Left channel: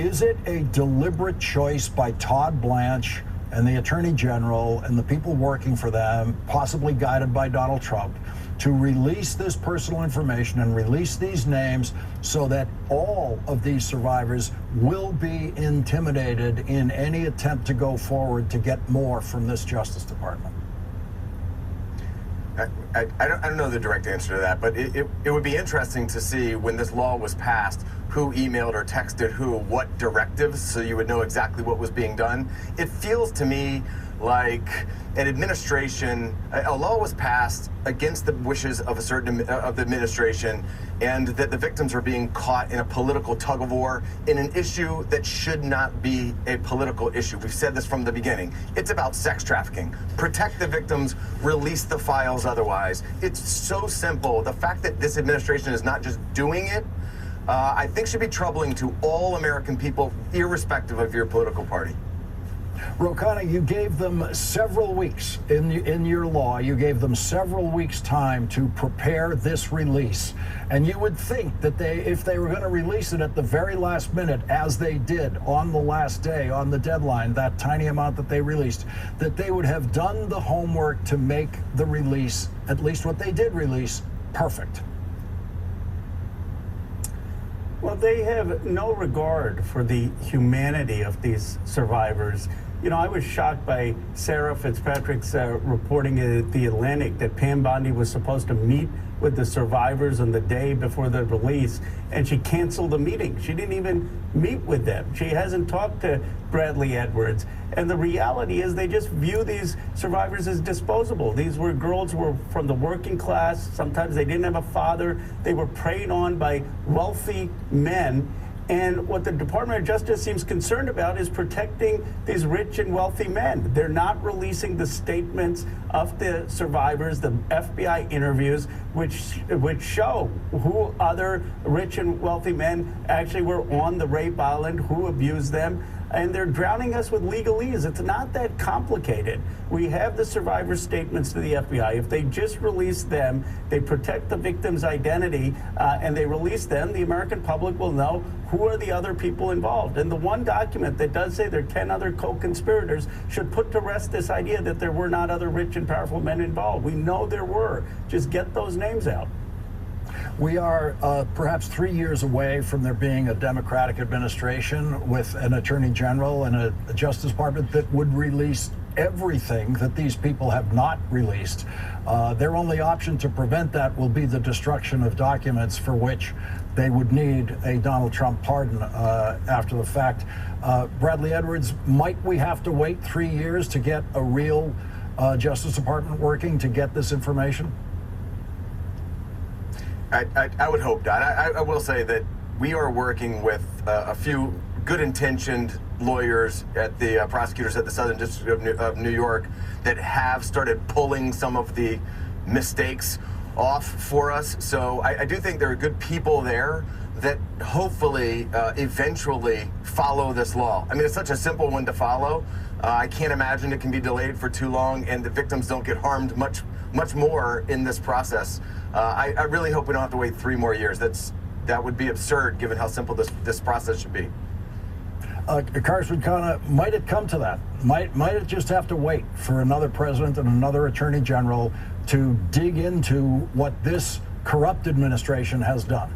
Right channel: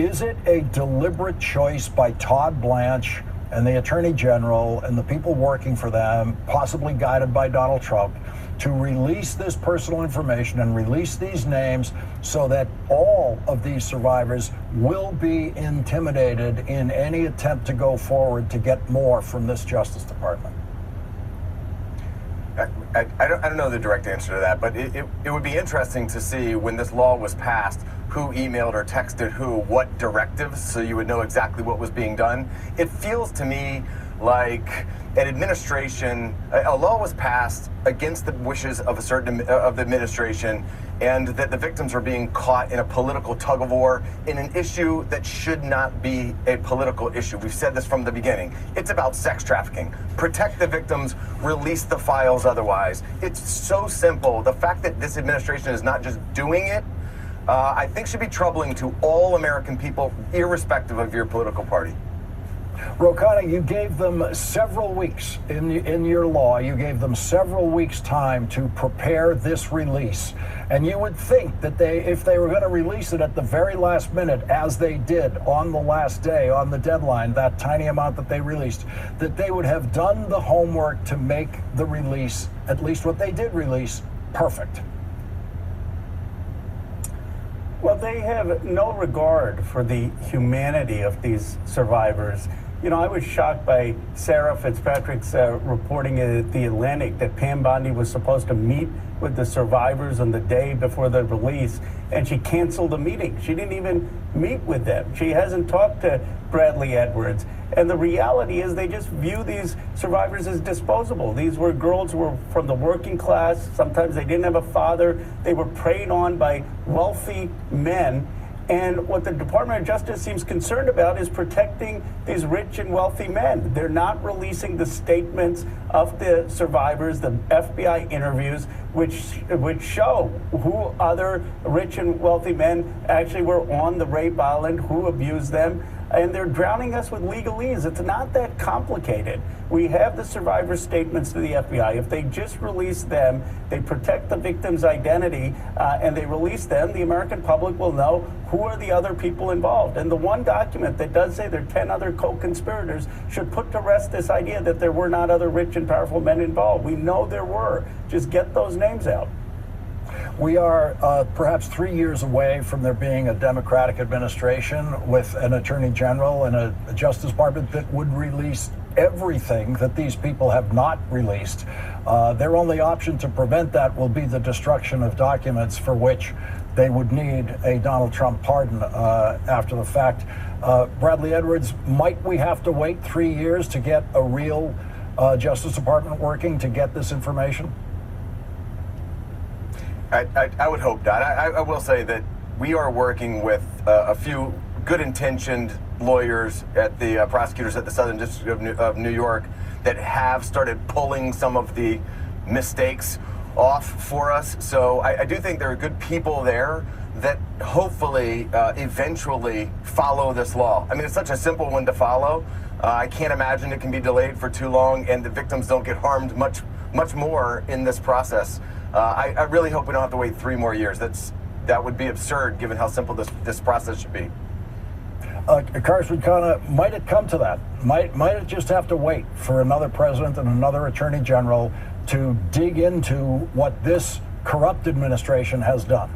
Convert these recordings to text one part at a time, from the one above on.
Is it a deliberate choice by Todd Blanche and the Attorney General and the people working for them, possibly guided by Donald Trump, to release this personal information and release these names so that all of these survivors will be intimidated in any attempt to go forward to get more from this Justice Department? I don't know the direct answer to that, but it would be interesting to see when this law was passed, who emailed or texted who, what directives, so you would know exactly what was being done. It feels to me like an administration, a law was passed against the wishes of a certain of the administration, and that the victims are being caught in a political tug of war in an issue that should not be a political issue. We've said this from the beginning. It's about sex trafficking. Protect the victims, release the files otherwise. It's so simple. The fact that this administration is not just doing it, I think should be troubling to all American people, irrespective of your political party. Ro Khanna, you gave them several weeks in your law. You gave them several weeks' time to prepare this release. And you would think that if they were going to release it at the very last minute, as they did on the last day, on the deadline, that tiny amount that they released, that they would have done the homework to make the release, at least what they did release, perfect. Well, they have no regard for the humanity of these survivors. You know, I was shocked by Sarah Fitzpatrick's reporting in The Atlantic that Pam Bondi was supposed to meet with the survivors on the day before the release, and she canceled the meeting. She didn't even meet with them. She hasn't talked to Bradley Edwards. And the reality is they just view these survivors as disposable. These were girls who were from the working class. Sometimes they didn't have a father. They were preyed on by wealthy men. And what the Department of Justice seems concerned about is protecting these rich and wealthy men. They're not releasing the statements of the survivors, the FBI interviews, which show who other rich and wealthy men actually were on the rape island, who abused them. And they're drowning us with legalese. It's not that complicated. We have the survivor statements to the FBI. If they just release them, they protect the victim's identity, and they release them, the American public will know who are the other people involved. And the one document that does say there are 10 other co-conspirators should put to rest this idea that there were not other rich and powerful men involved. We know there were. Just get those names out. We are perhaps 3 years away from there being a Democratic administration with an Attorney General and a Justice Department that would release everything that these people have not released. Their only option to prevent that will be the destruction of documents for which they would need a Donald Trump pardon after the fact. Bradley Edwards, might we have to wait 3 years to get a real Justice Department working to get this information? I would hope not. I will say that we are working with a few good-intentioned lawyers at the prosecutors at the Southern District of New York that have started pulling some of the mistakes off for us. So I do think there are good people there that hopefully eventually follow this law. I mean, it's such a simple one to follow. I can't imagine it can be delayed for too long and the victims don't get harmed much more in this process. I really hope we don't have to wait 3 more years. That would be absurd given how simple this process should be. Congressman Khanna, might it come to that? Might it just have to wait for another president and another attorney general to dig into what this corrupt administration has done?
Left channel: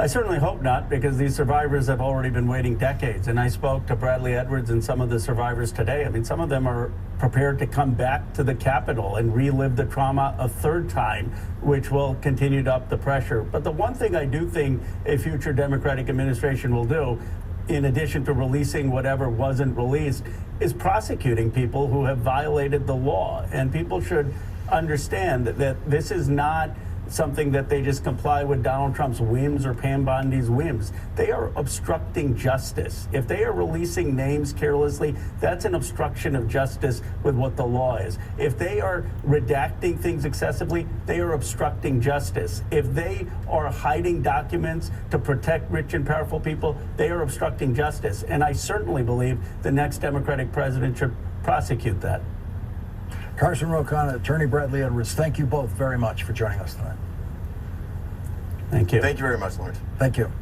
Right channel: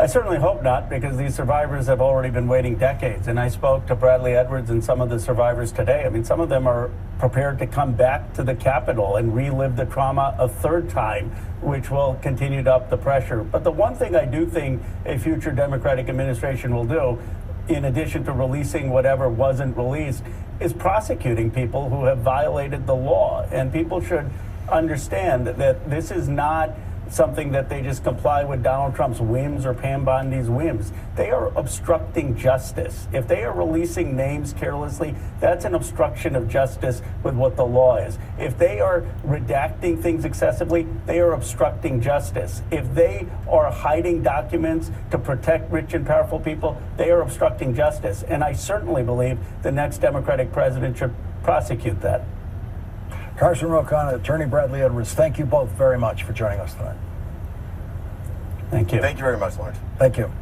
I certainly hope not, because these survivors have already been waiting decades. And I spoke to Bradley Edwards and some of the survivors today. I mean, some of them are prepared to come back to the Capitol and relive the trauma a third time, which will continue to up the pressure. But the one thing I do think a future Democratic administration will do, in addition to releasing whatever wasn't released, is prosecuting people who have violated the law. And people should understand that this is not something that they just comply with Donald Trump's whims or Pam Bondi's whims. They are obstructing justice. If they are releasing names carelessly, that's an obstruction of justice with what the law is. If they are redacting things excessively, they are obstructing justice. If they are hiding documents to protect rich and powerful people, they are obstructing justice. And I certainly believe the next Democratic president should prosecute that. Congressman Ro Khanna, Attorney Bradley Edwards, thank you both very much for joining us tonight. Thank you. Thank you very much, Lawrence. Thank you.